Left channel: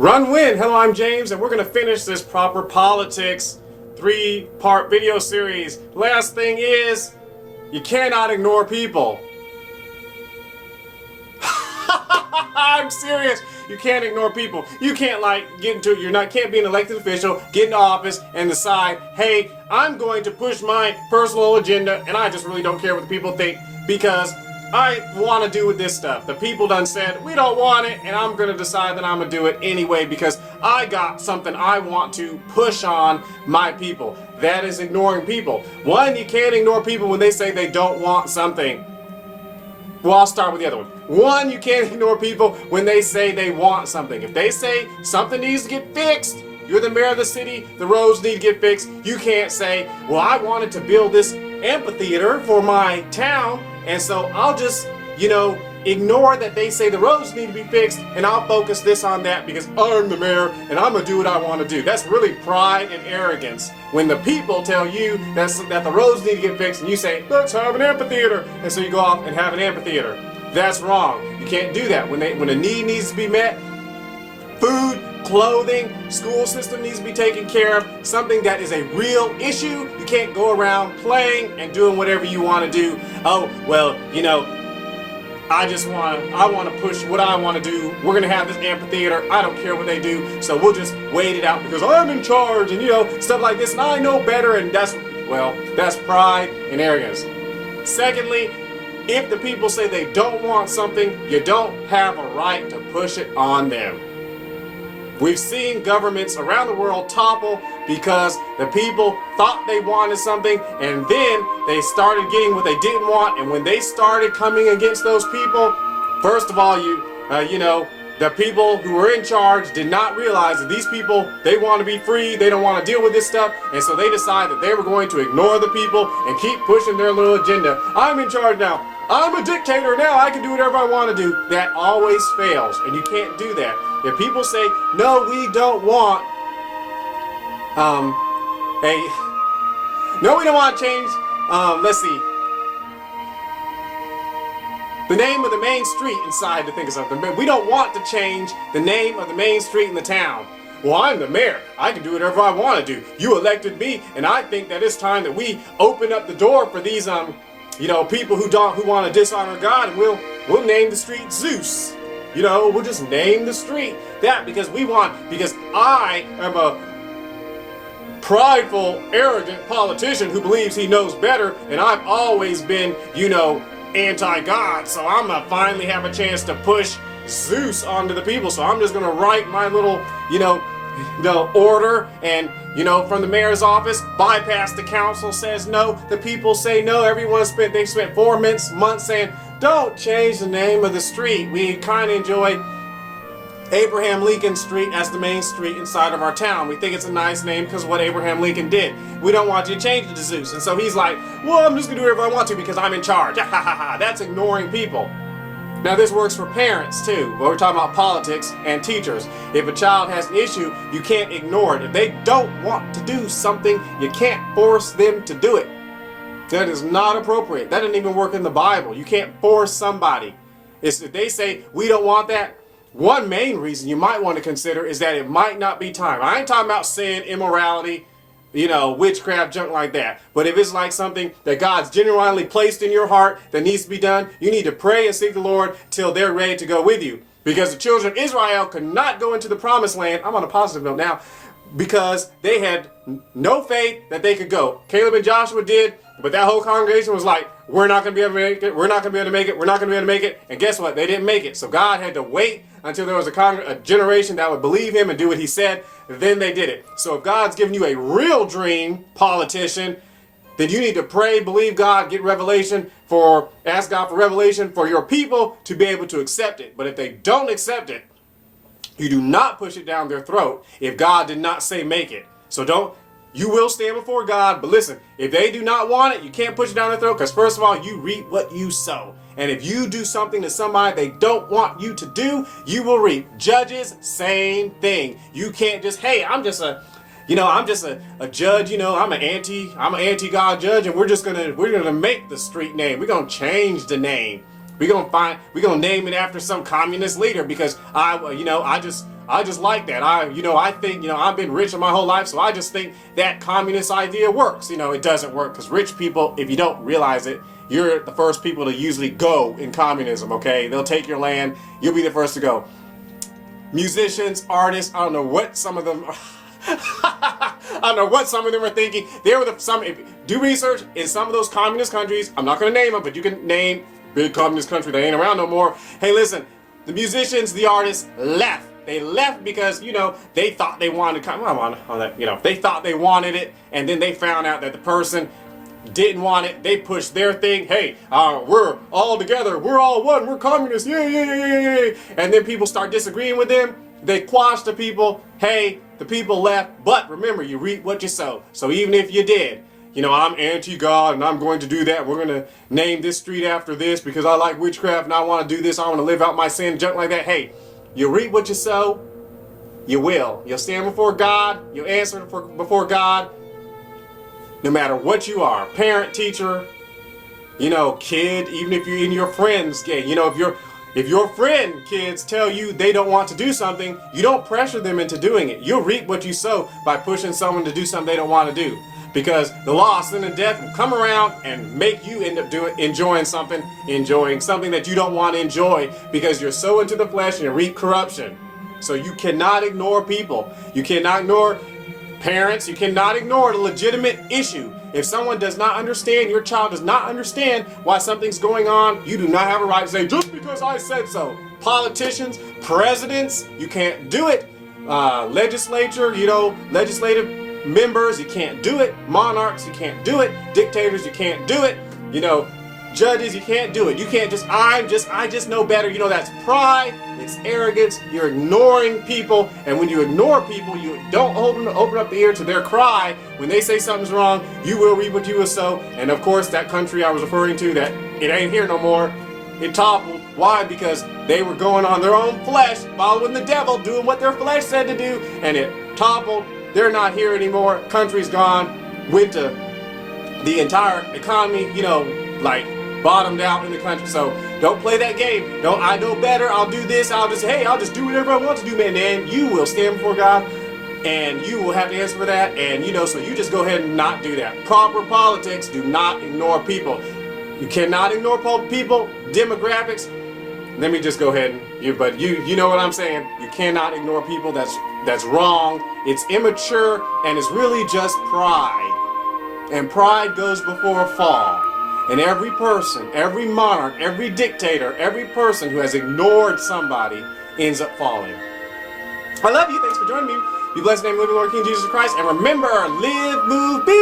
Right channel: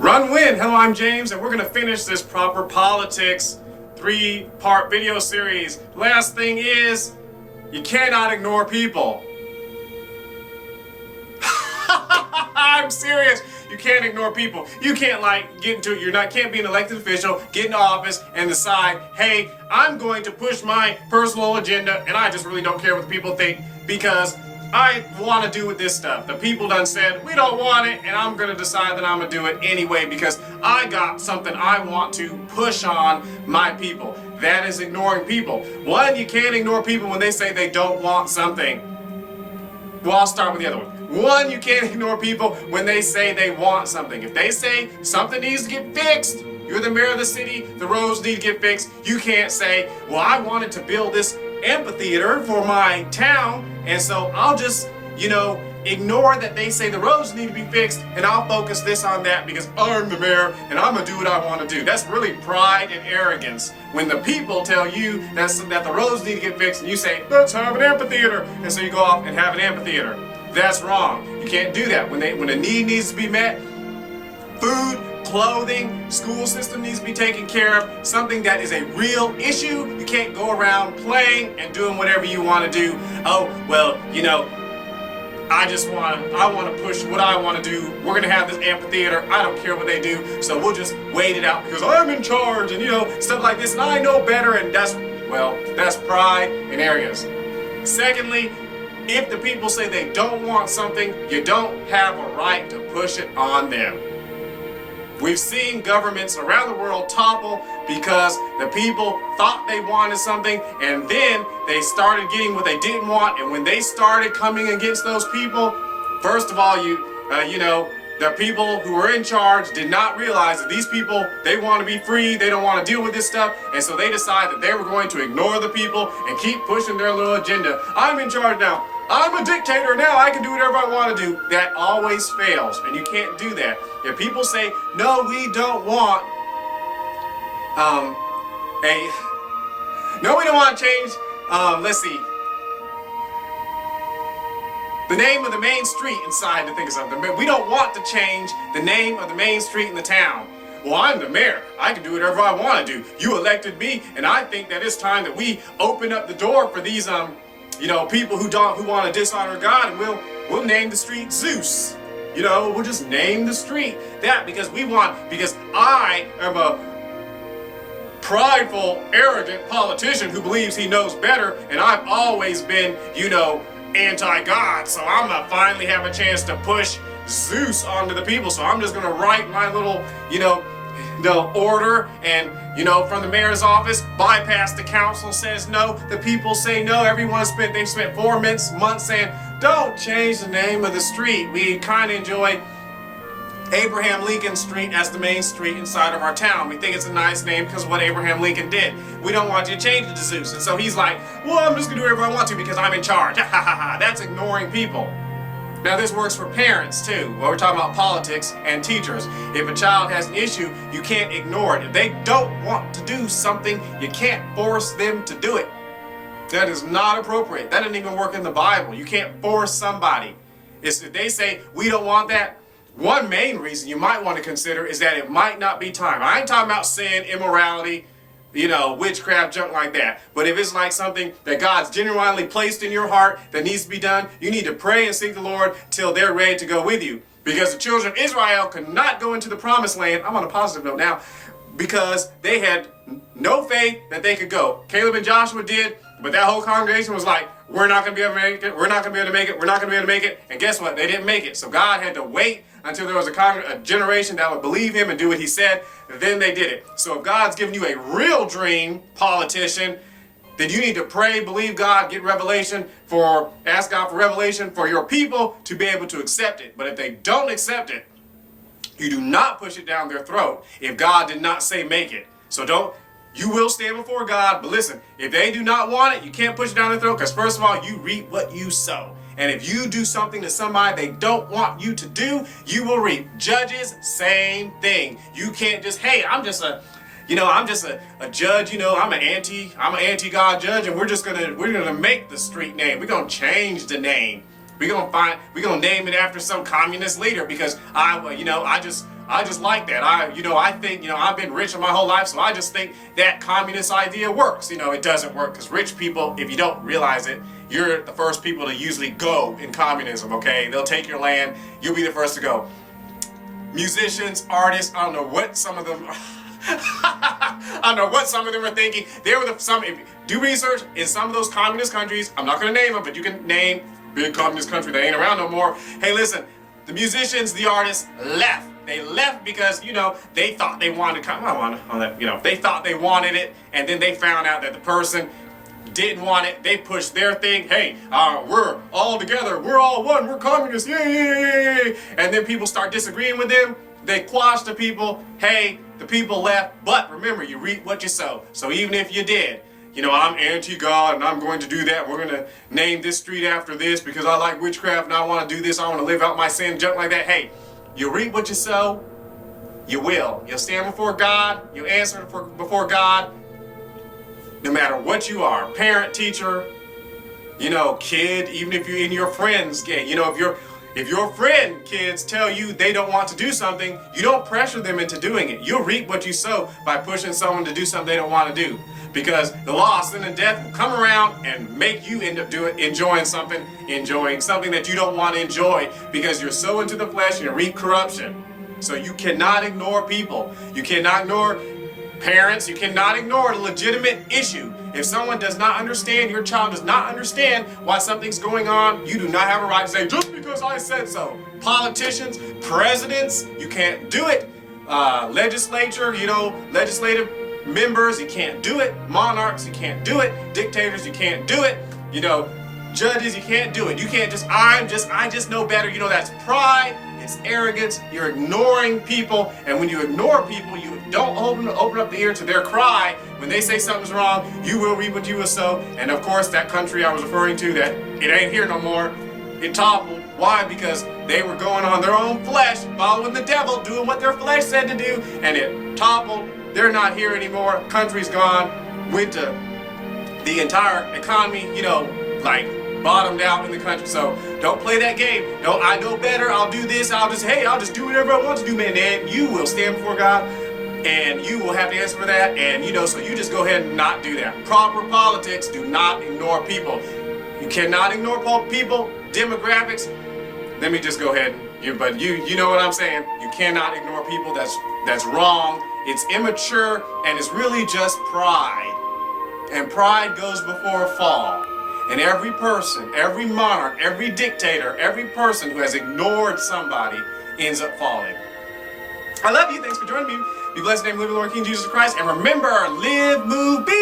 Run Win. Hello, I'm James, and we're going to finish this Proper Politics 3-part video series. Last thing is, you cannot ignore people. I'm serious. You can't ignore people. You can't get into it. Can't be an elected official, get into office, and decide, hey, I'm going to push my personal agenda, and I just really don't care what the people think because I want to do with this stuff. The people done said, we don't want it, and I'm going to decide that I'm going to do it anyway because I got something I want to push on my people. That is ignoring people. One, you can't ignore people when they say they don't want something. Well, I'll start with the other one. One, you can't ignore people when they say they want something. If they say something needs to get fixed, you're the mayor of the city, the roads need to get fixed, you can't say, well, I wanted to build this amphitheater for my town, and so I'll just, ignore that they say the roads need to be fixed, and I'll focus this on that because I'm the mayor, and I'm going to do what I want to do. That's really pride and arrogance. When the people tell you that the roads need to get fixed, and you say, let's have an amphitheater, and so you go off and have an amphitheater. That's wrong. You can't do that. When a need needs to be met, food, clothing, school system needs to be taken care of, something that is a real issue, you can't go around playing and doing whatever you want to do. Oh, well, I want to push what I want to do. We're going to have this amphitheater. I don't care what they do. So we'll just wait it out because I'm in charge and, stuff like this. And I know better. And that's pride and arrogance. Secondly, if the people say they don't want something, you don't have a right to push it on them. We've seen governments around the world topple because the people thought they wanted something and then they started getting what they didn't want. And when they started coming against those people, first of all, the people who were in charge did not realize that these people, they want to be free, they don't want to deal with this stuff, and so they decided that they were going to ignore the people and keep pushing their little agenda. I'm in charge now. I'm a dictator now. I can do whatever I want to do. That always fails, and you can't do that. If people say, no, we don't want we don't want to change, let's see, the name of the main street inside to think of something. But we don't want to change the name of the main street in the town. Well, I'm the mayor. I can do whatever I want to do. You elected me, and I think that it's time that we open up the door for these people who want to dishonor God, and we'll name the street Zeus. We'll just name the street that because I am a prideful, arrogant politician who believes he knows better, and I've always been, anti-God, so I'm gonna finally have a chance to push Zeus onto the people. So I'm just gonna write my little, the order, and from the mayor's office, bypass the council says no, the people say no. They spent 4 months saying, don't change the name of the street. We kind of enjoy Abraham Lincoln Street as the main street inside of our town. We think it's a nice name because of what Abraham Lincoln did. We don't want you to change it to Zeus. And so he's like, well, I'm just gonna do whatever I want to because I'm in charge. Ha ha ha. That's ignoring people. Now this works for parents too. When we're talking about politics and teachers. If a child has an issue, you can't ignore it. If they don't want to do something, you can't force them to do it. That is not appropriate. That doesn't even work in the Bible. You can't force somebody. If they say, we don't want that, one main reason you might want to consider is that it might not be time. I ain't talking about sin, immorality, witchcraft, junk like that. But if it's like something that God's genuinely placed in your heart that needs to be done, you need to pray and seek the Lord till they're ready to go with you. Because the children of Israel could not go into the promised land, I'm on a positive note now, because they had no faith that they could go. Caleb and Joshua did, but that whole congregation was like, we're not going to be able to make it, we're not going to be able to make it, we're not going to be able to make it. And guess what? They didn't make it. So God had to wait until there was a generation that would believe him and do what he said. Then they did it. So if God's given you a real dream, politician, then you need to pray, believe God, get revelation ask God for revelation for your people to be able to accept it. But if they don't accept it, you do not push it down their throat if God did not say make it. So you will stand before God, but listen, if they do not want it, you can't push it down their throat because first of all, you reap what you sow. And if you do something to somebody they don't want you to do, you will reap. Judges, same thing. You can't just, hey, I'm just a judge, I'm an anti-God judge, and we're gonna make the street name. We're gonna change the name. We're gonna name it after some communist leader because I just like that. I think, I've been rich my whole life, so I just think that communist idea works. It doesn't work because rich people, if you don't realize it, you're the first people to usually go in communism, okay? They'll take your land, you'll be the first to go. Musicians, artists, I don't know what some of them are thinking. They were do research in some of those communist countries. I'm not going to name them, but you can name big communist country that ain't around no more. Hey, listen, the musicians, the artists left. They left because, they thought they wanted they thought they wanted it, and then they found out that the person didn't want it. They pushed their thing. Hey, we're all together. We're all one. We're communists. Yay. And then people start disagreeing with them. They quash the people. Hey, the people left. But remember, you reap what you sow. So even if you did, I'm anti-God and I'm going to do that. We're going to name this street after this because I like witchcraft and I want to do this. I want to live out my sin, junk like that. Hey, you reap what you sow. You will. You'll stand before God. You'll answer before God. No matter what you are, parent, teacher, kid, even if you're in your friend's game, if your friend, kids, tell you they don't want to do something, you don't pressure them into doing it. You'll reap what you sow by pushing someone to do something they don't want to do. Because the law of sin and death will come around and make you end up enjoying something that you don't want to enjoy because you're so into the flesh and you reap corruption. So you cannot ignore people. You cannot ignore parents. You cannot ignore the legitimate issue. If someone does not understand, your child does not understand why something's going on, you do not have a right to say, just because I said so. Politicians, presidents, you can't do it. Legislature, legislative members, you can't do it. Monarchs, you can't do it. Dictators, you can't do it. Judges, you can't do it. You can't just, I just know better. That's pride. It's arrogance. You're ignoring people. And when you ignore people, you don't open up the ear to their cry. When they say something's wrong, you will reap what you will sow. And of course, that country I was referring to, that it ain't here no more, it toppled. Why? Because they were going on their own flesh, following the devil, doing what their flesh said to do, and it toppled. They're not here anymore. Country's gone. Went to the entire economy, bottomed out in the country. So don't play that game. I know better. I'll do this. I'll just do whatever I want to do, man. And you will stand before God and you will have to answer for that. And so you just go ahead and not do that. Proper politics, do not ignore people. You cannot ignore people, demographics. Let me just go ahead but you know what I'm saying. You cannot ignore people. That's wrong. It's immature and it's really just pride. And pride goes before a fall. And every person, every monarch, every dictator, every person who has ignored somebody ends up falling. I love you. Thanks for joining me. Be blessed in the name of the Lord King Jesus Christ. And remember, live, move, be.